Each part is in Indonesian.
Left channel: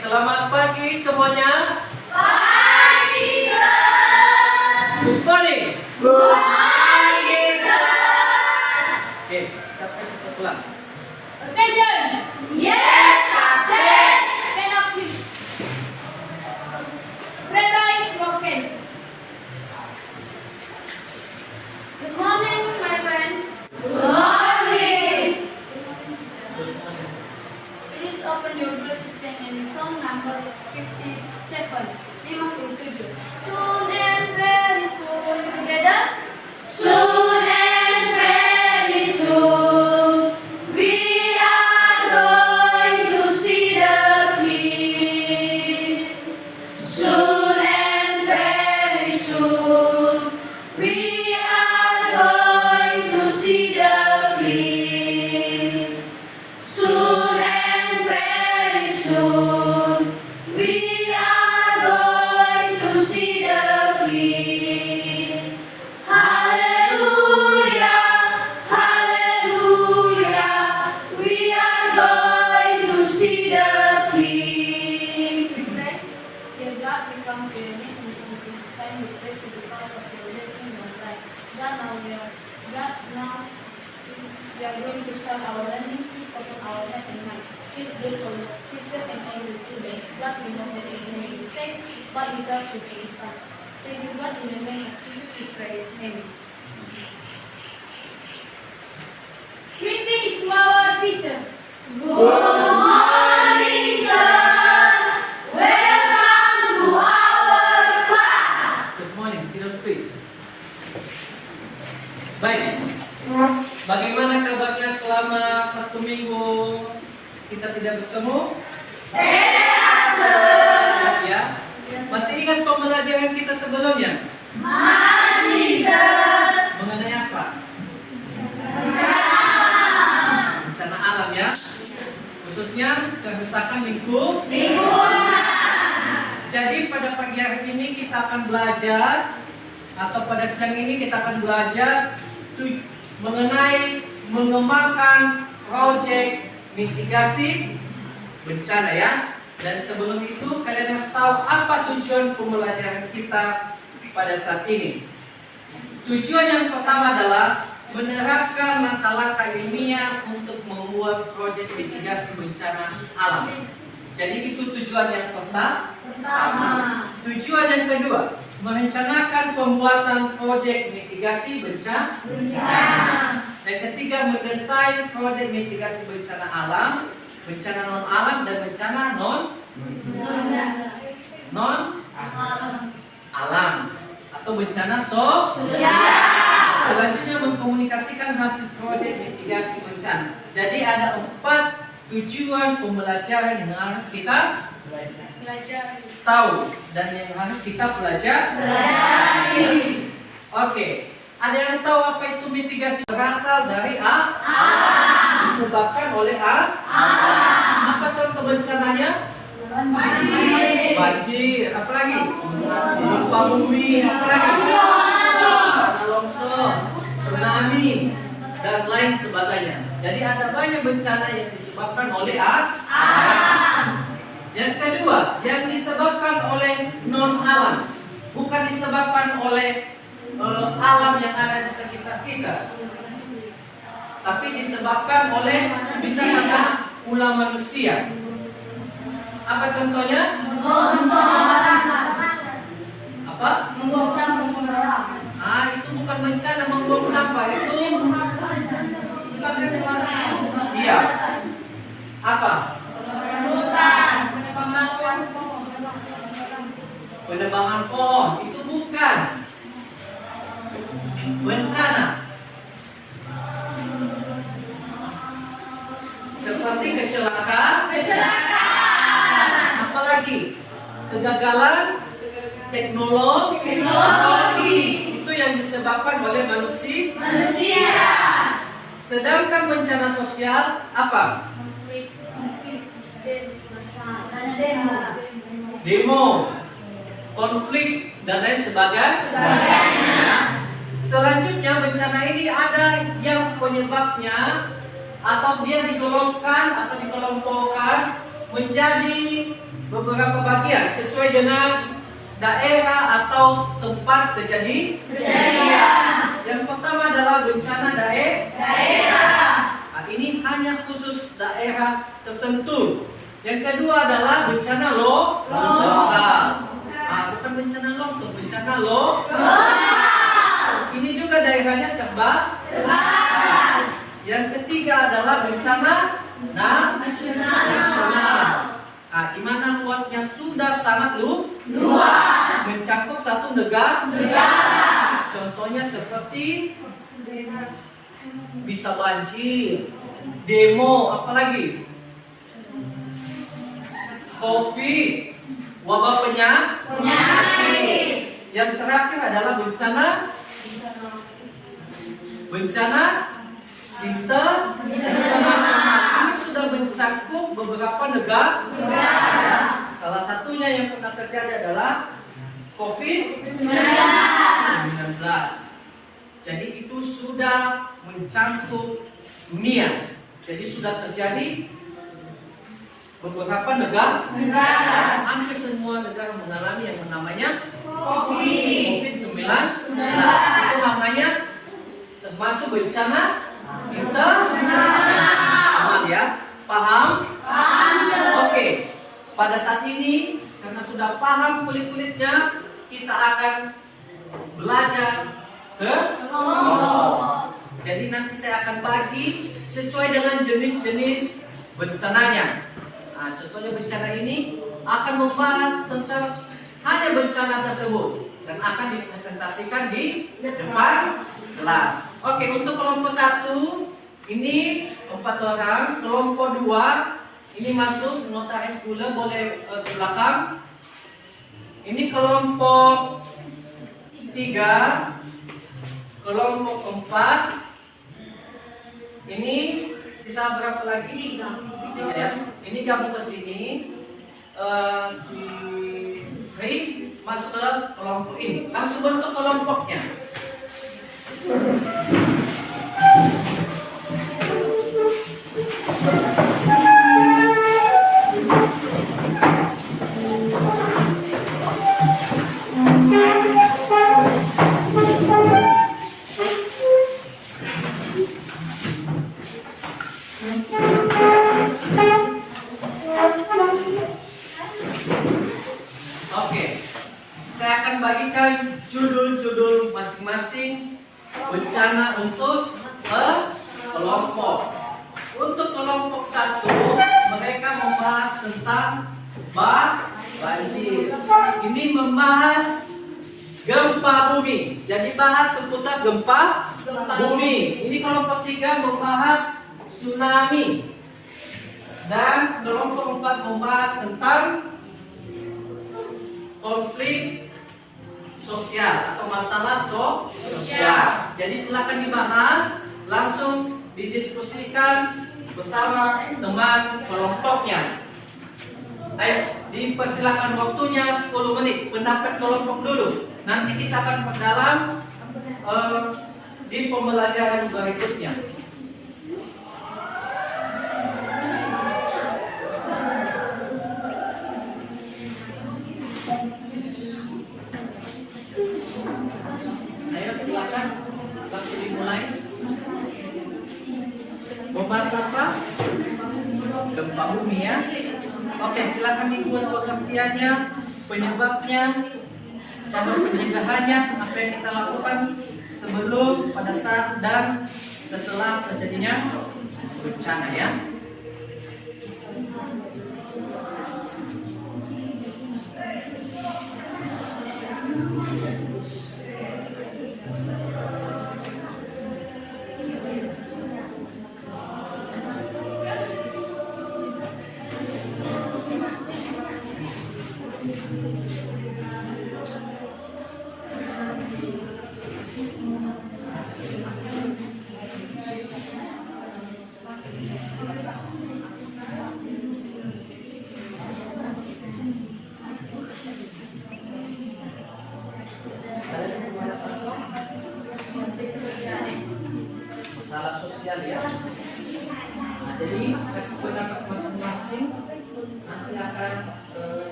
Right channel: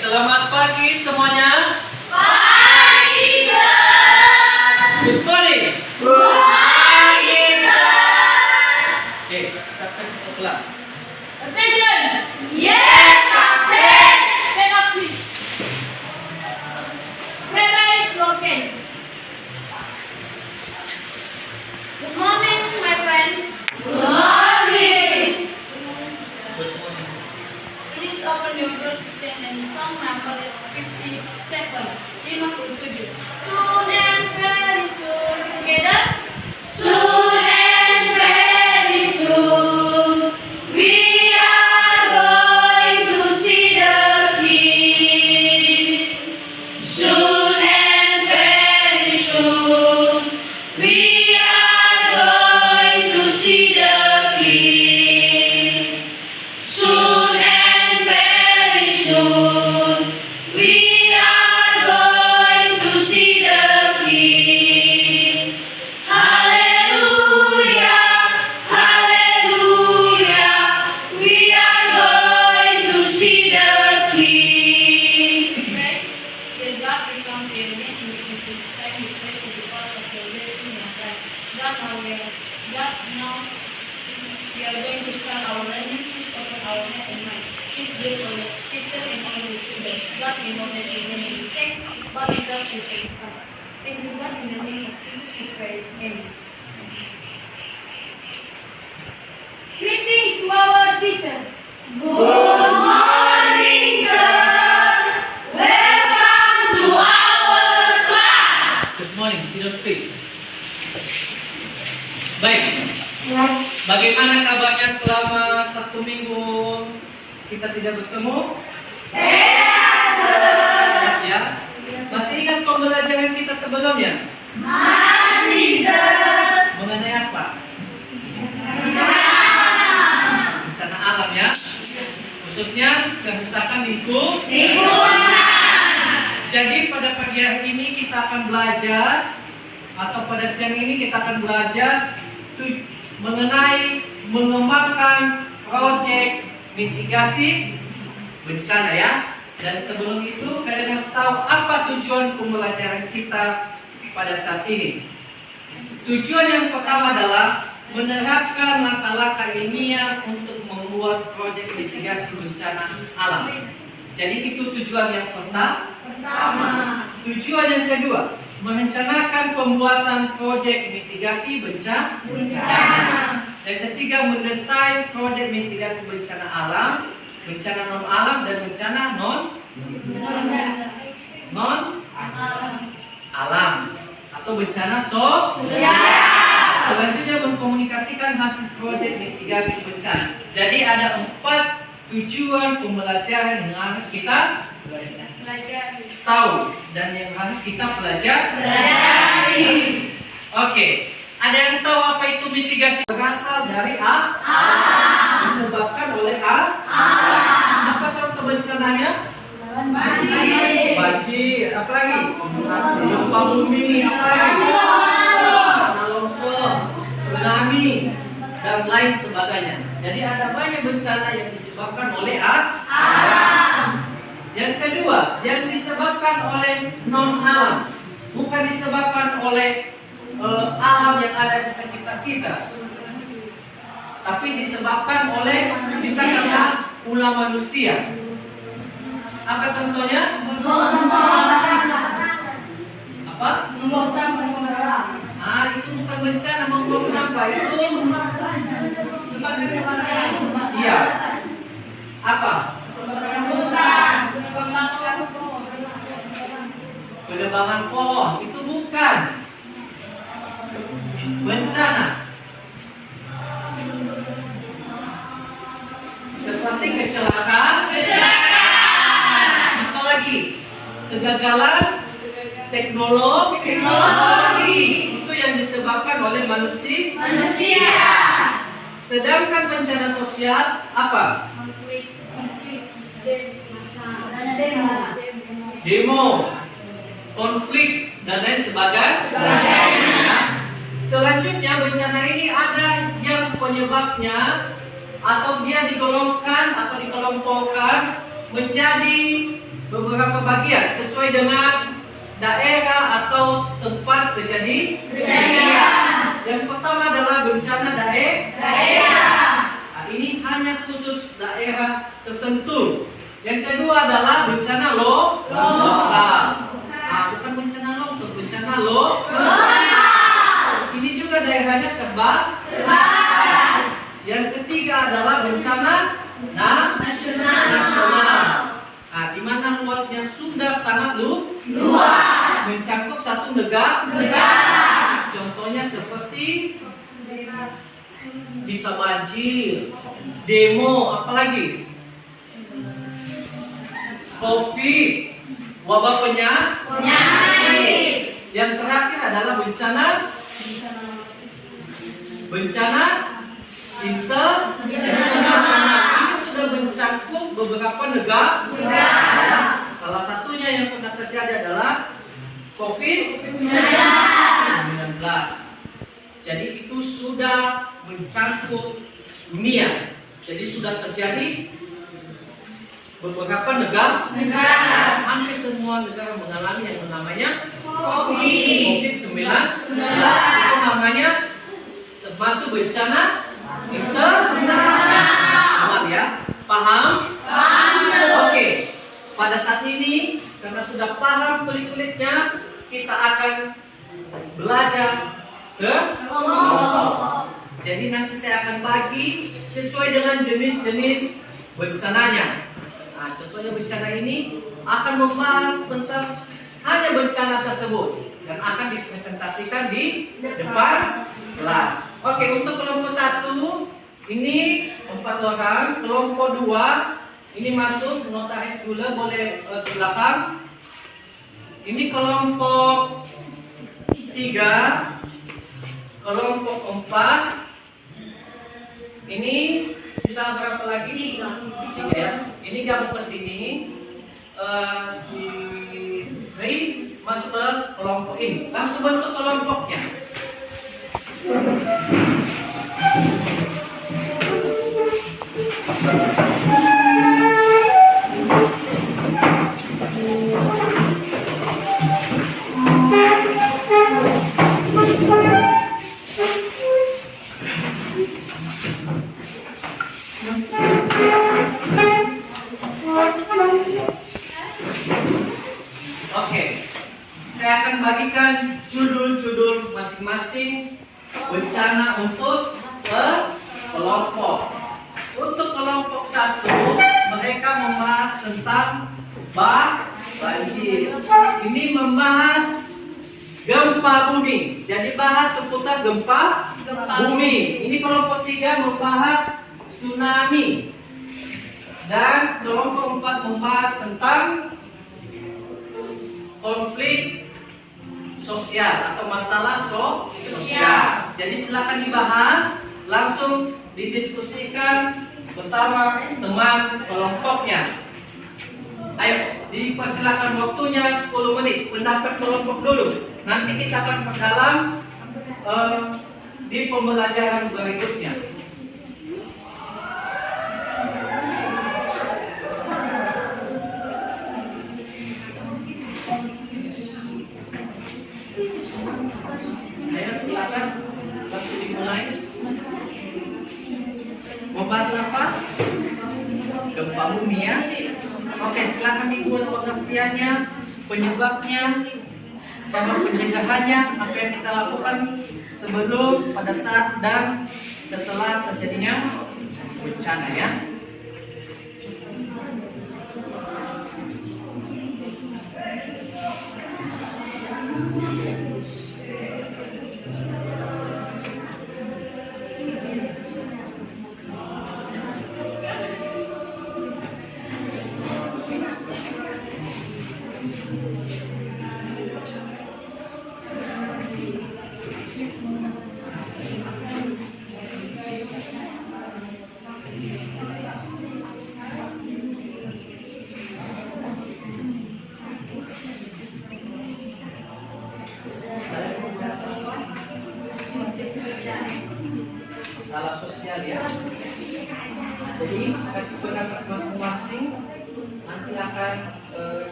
selamat pagi semuanya. Pagi, Sir. Good morning. Good morning, Sir. Oke, siapa yang ke kelas? Attention! Yes, Captain. Stand up, please. Red-eye broken. Good morning, my friends. Good morning. Good morning. Please open your book and song number 57. 57. Soon and very soon. Together. Soon and very soon, we are going to see the King. Soon and very soon, we are going to see the King. Soon and very soon, we are going to see the King. Hallelujah, hallelujah, we are going to see the King. Pray that God will come to your name in this time. We praise you because of your blessing in our life. God, now we are going to start our learning. Please open our heart and mind. Please bless our teacher and all the students. God, we know that we make mistakes, but we trust you to us. Thank you, God, in the name of Jesus we pray. Amen. Greetings to our teacher. Good morning, sir. Welcome to our class. Good morning, sit down please. Baik, bagaimana kabarnya selama 1 minggu kita tidak bertemu? Sehat, sir. Sehat ya? Masih ingat pembelajaran kita sebelumnya? Masih, sir. Mengenai apa? Bencana alam ya, khususnya kerusakan lingkungan. Jadi pada pagi hari ini kita akan belajar, atau pada siang ini kita akan belajar mengenai mengembangkan proyek mitigasi bencana ya. Dan sebelum itu kalian harus tahu apa tujuan pembelajaran kita pada saat ini. Tujuan yang pertama adalah menerapkan langkah-langkah ilmiah untuk membuat proyek mitigasi bencana alam. Jadi itu tujuan yang pertama. Tujuan yang kedua, merencanakan pembuatan proyek mitigasi bencana. Dan ketiga, mendesain proyek mitigasi bencana alam, bencana non alam dan bencana non alam atau bencana sosial. Selanjutnya mengkomunikasikan hasil proyek mitigasi bencana. Jadi ada 4 tujuan pembelajaran yang harus kita tahu dan yang harus kita pelajari. Oke, ada yang tahu apa itu mitigasi? Berasal dari alam, disebabkan oleh alam. Apa contoh bencananya? Banjir, apa lagi? Gempa bumi, apa lagi? Tanah longsor, tsunami, dan lain sebagainya. Jadi ada banyak bencana yang disebabkan oleh alam. Yang kedua, yang disebabkan oleh non alam, bukan disebabkan oleh alam yang ada di sekitar kita, tapi disebabkan oleh bisa karena ulah manusia. Apa contohnya? Apa? Itu bukan bencana membuang sampah, itu iya. Apa? Penebangan pohon, itu bukan bencana. Seperti kecelakaan. Apalagi kegagalan teknologi. Itu yang disebabkan oleh manusia. Sedangkan bencana sosial apa? Demo, konflik, dan lain sebagainya. Selanjutnya bencana ini ada yang penyebabnya atau dia digolongkan atau dikelompokkan menjadi beberapa bagian sesuai dengan daerah atau tempat kejadian. Yang pertama adalah bencana daerah. Nah, ini hanya khusus daerah tertentu. Yang kedua adalah bencana lokal. Nah, bukan bencana longsor, bencana lokal. Ini juga daerahnya terbatas. Yang ketiga adalah bencana nasional. Nah, di mana luasnya sudah sangat luas, mencakup satu negara. Contohnya seperti bisa banjir, demo, apalagi COVID, wabah penyakit. Yang terakhir adalah bencana internasional. Ini sudah mencakup beberapa negara. Salah satunya yang pernah terjadi adalah COVID-19. Jadi itu sudah mencakup dunia. Jadi sudah terjadi beberapa negara. Hampir semua negara mengalami yang namanya COVID-19. Itu namanya termasuk bencana internasional, ya. Paham? Oke. Pada saat ini karena sudah paham kulit-kulitnya, kita akan belajar ke kelompok. Jadi nanti saya akan bagi sesuai dengan jenis-jenis bencananya. Nah, contohnya bencana ini akan membahas tentang hanya bencana tersebut dan akan dipresentasikan di depan kelas. Oke, untuk kelompok 1 ini 4 orang, kelompok 2 ini masuk nota S gula boleh ke belakang. Ini kelompok 3, kelompok 4. Ini sisa berapa lagi? 3 ya. Ini gabung ke sini. Si Sri masuk ke kelompok ini. Langsung bentuk kelompoknya. Oke, saya akan bagikan judul-judul masing-masing bencana untuk kelompok. Untuk kelompok 1, mereka membahas tentang banjir. Ini membahas gempa bumi. Jadi bahas seputar gempa bumi. Ini kelompok 3 membahas tsunami. Dan kelompok 4 membahas tentang konflik sosial atau masalah sosial. Jadi silakan dibahas, langsung didiskusikan bersama teman kelompoknya. Ayo, dipersilakan waktunya 10 menit. Pendapat kelompok dulu. Nanti kita akan perdalam di pembelajaran berikutnya. Ayo silakan, langsung dimulai. Membahas apa? Gempa bumi ya. Oke, silakan dibuat pengertiannya, penyebabnya, cara pencegahannya, apa yang kita lakukan sebelum, pada saat, dan setelah terjadinya bencana ya.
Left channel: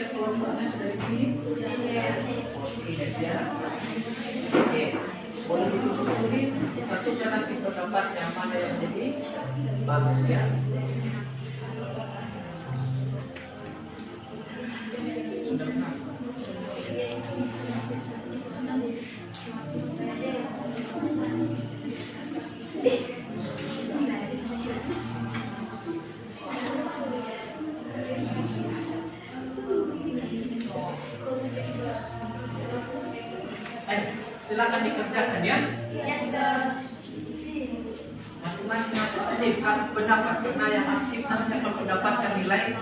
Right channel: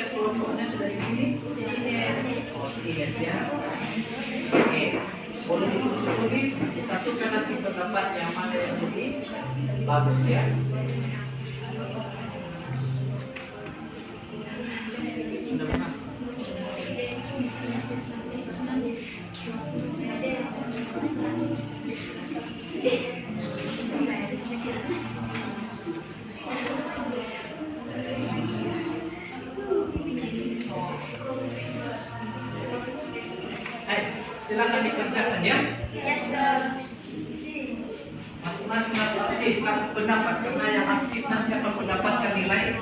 lihat kelompoknya sudah ini? Yes ya. Oke, boleh ditulis satukan nanti pendapat yang mana yang lebih bagus ya. Sudah benar. Silakan dikerjakan ya. Yes, sir. Masing-masing aktif kasih pendapat karena yang aktif nanti akan mendapatkan nilai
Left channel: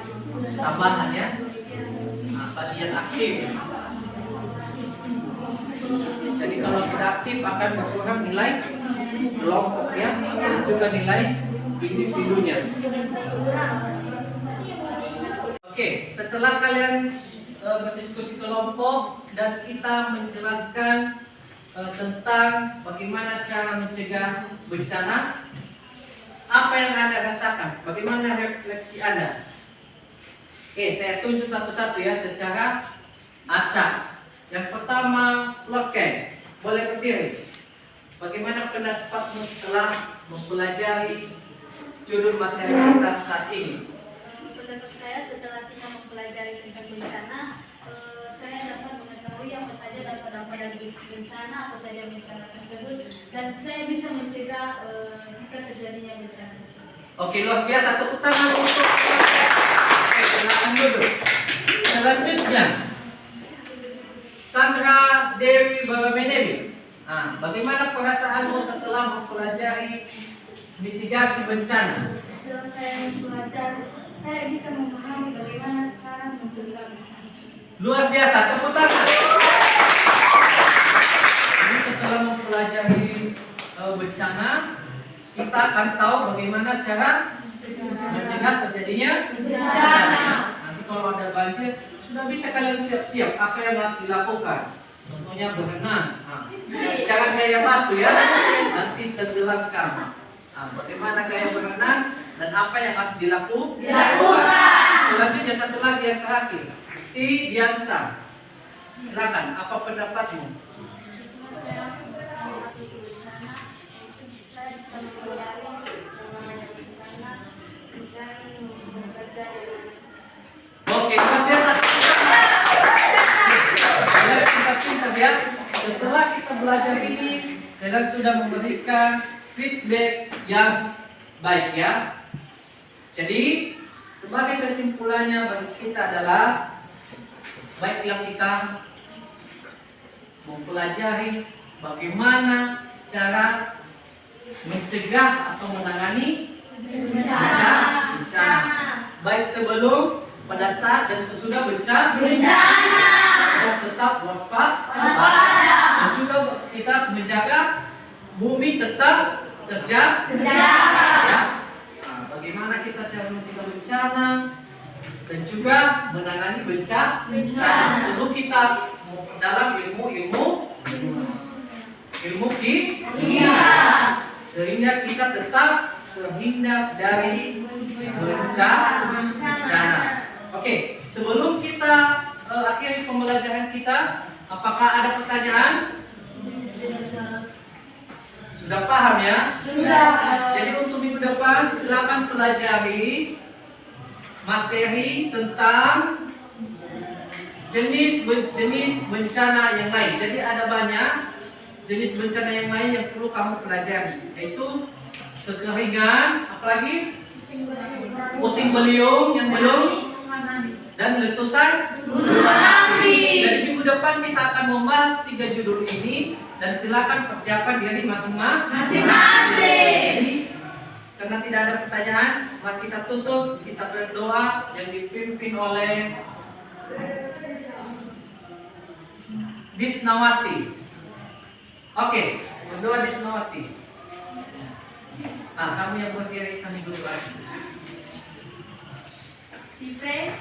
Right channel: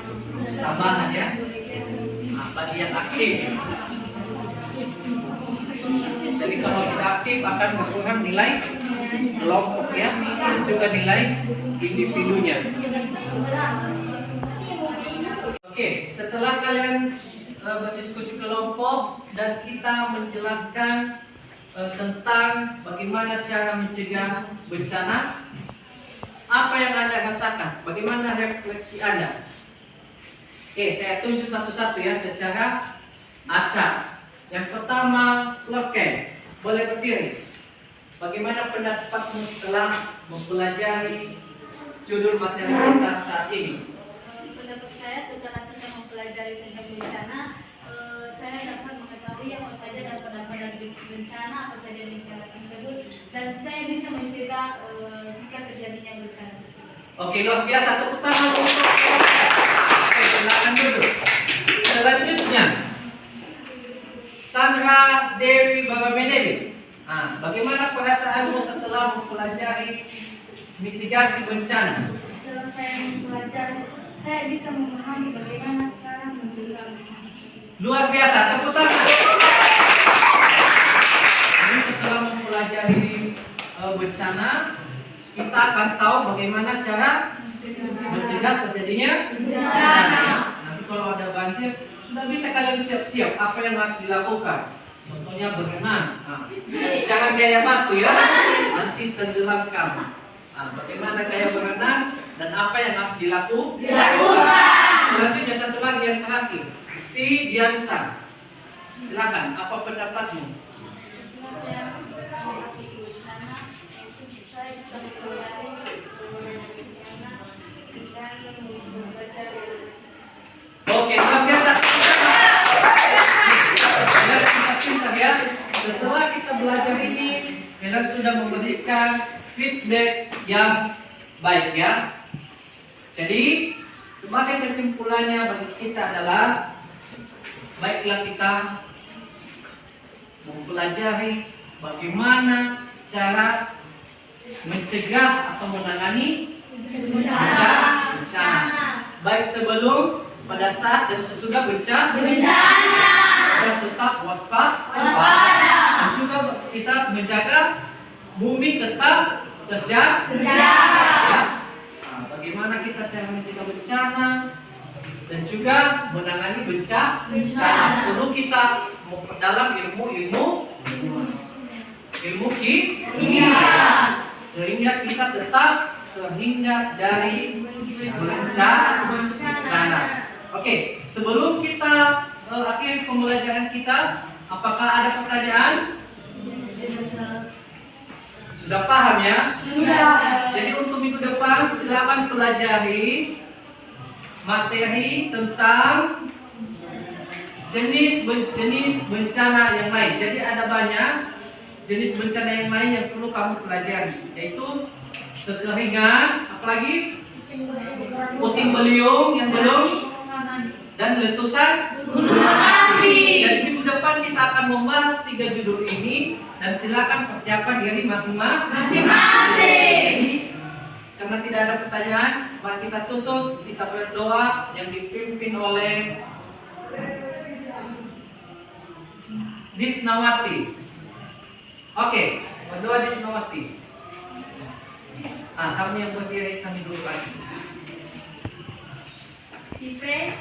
tambahan ya. Nah, bagi yang aktif. Jadi kalau tidak aktif akan berkurang nilai kelompok ya, dan juga nilai individunya. Oke, setelah kalian berdiskusi kelompok dan kita menjelaskan tentang bagaimana cara mencegah bencana, apa yang Anda rasakan? Bagaimana refleksi Anda? Oke, saya tunjuk satu-satu ya secara acak. Yang pertama, Lotke, boleh berdiri. Bagaimana pendapatmu setelah mempelajari judul materi kita saat ini? Pendapat saya setelah kita mempelajari tentang bencana, saya dapat mengetahui apa saja dampak-dampak dari bencana, apa saja bencana tersebut, dan saya bisa mencegah jika terjadinya bencana tersebut. Oke, luar biasa. Tepuk tangan untuk. Oke, silakan duduk. Selanjutnya, Sandra Dewi Babamenebi. Nah, bagaimana perasaanmu setelah mempelajari mitigasi bencana? Setelah saya mempelajari, saya bisa memahami bagaimana cara mencegah bencana. Luar biasa, tepuk tangan. Jadi setelah mempelajari bencana, kita akan tahu bagaimana cara mencegah terjadinya bencana. Nanti kalau ada banjir, sudah bisa kalian siap-siap apa yang harus dilakukan. Contohnya berenang. Nah, jangan gaya batu ya, nanti tenggelam kamu. Nah, bagaimana gaya berenang dan apa yang harus dilakukan. Selanjutnya satu lagi yang terakhir, si Diansa. Silakan, apa pendapatmu? Oke, luar biasa. Biar kita pintar ya. Setelah kita belajar ini, kalian sudah memberikan feedback yang baik ya. Jadi sebagai kesimpulannya bagi kita adalah baiklah kita mempelajari bagaimana cara mencegah atau menangani bencana. Baik sebelum, pada saat dan sesudah bencana. Harus tetap waspada. Dan juga kita menjaga bumi tetap terjaga. Ya. Nah, bagaimana kita cara mencegah bencana dan juga menangani bencana. Perlu kita memperdalam ilmu kimia sehingga kita tetap terhindar dari bencana. Oke, sebelum kita akhiri pembelajaran kita, apakah ada pertanyaan? Sudah paham ya? Sudah. Jadi untuk minggu depan silakan pelajari materi tentang jenis bencana yang lain. Jadi ada banyak jenis bencana yang lain yang perlu kamu pelajari, yaitu kekeringan, apalagi puting beliung yang belum, dan letusan gunung api. Dan minggu depan kita akan membahas 3 judul ini dan silakan persiapan diri masing-masing. Jadi, karena tidak ada pertanyaan, mari kita tutup, kita berdoa yang dipimpin oleh Disnawati. Oke, berdoa Disnawati. Kamu yang berdiri, kami dulu lagi. We pray.